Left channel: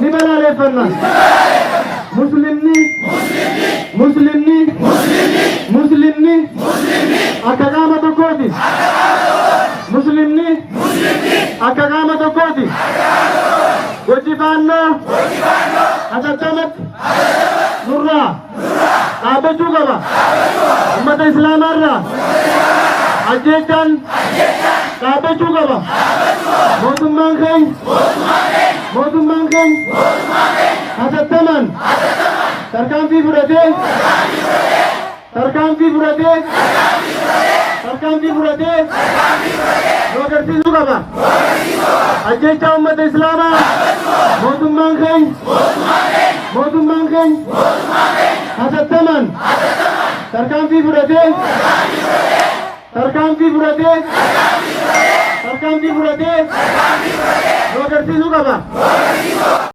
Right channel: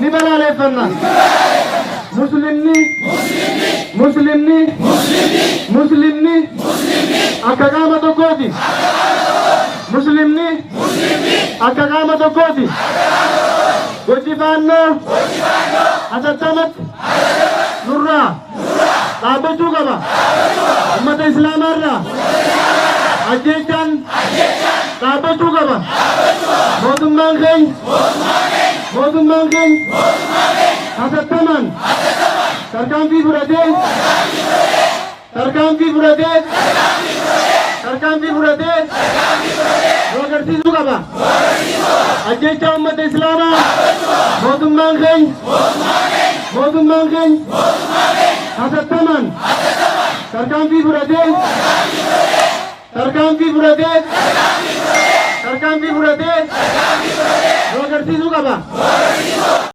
ni balaaleffanna. Muslimni akka qaama tokkooti. Muslimni akka qaama tokkooti. Hojii hatattaamatti nurraa dhaabbachuu qaba. Ummata islaamaarraa ajjeechaan dhaabbachuu qaba. Mootummaan keenya hatattamaan tarkaanfii fudhatee agarsiisuu qaba. Ajjeechaa ummata islaamaa mootummaan keenya hatattamaan tarkaanfii fudhatee agarsiisuu qaba.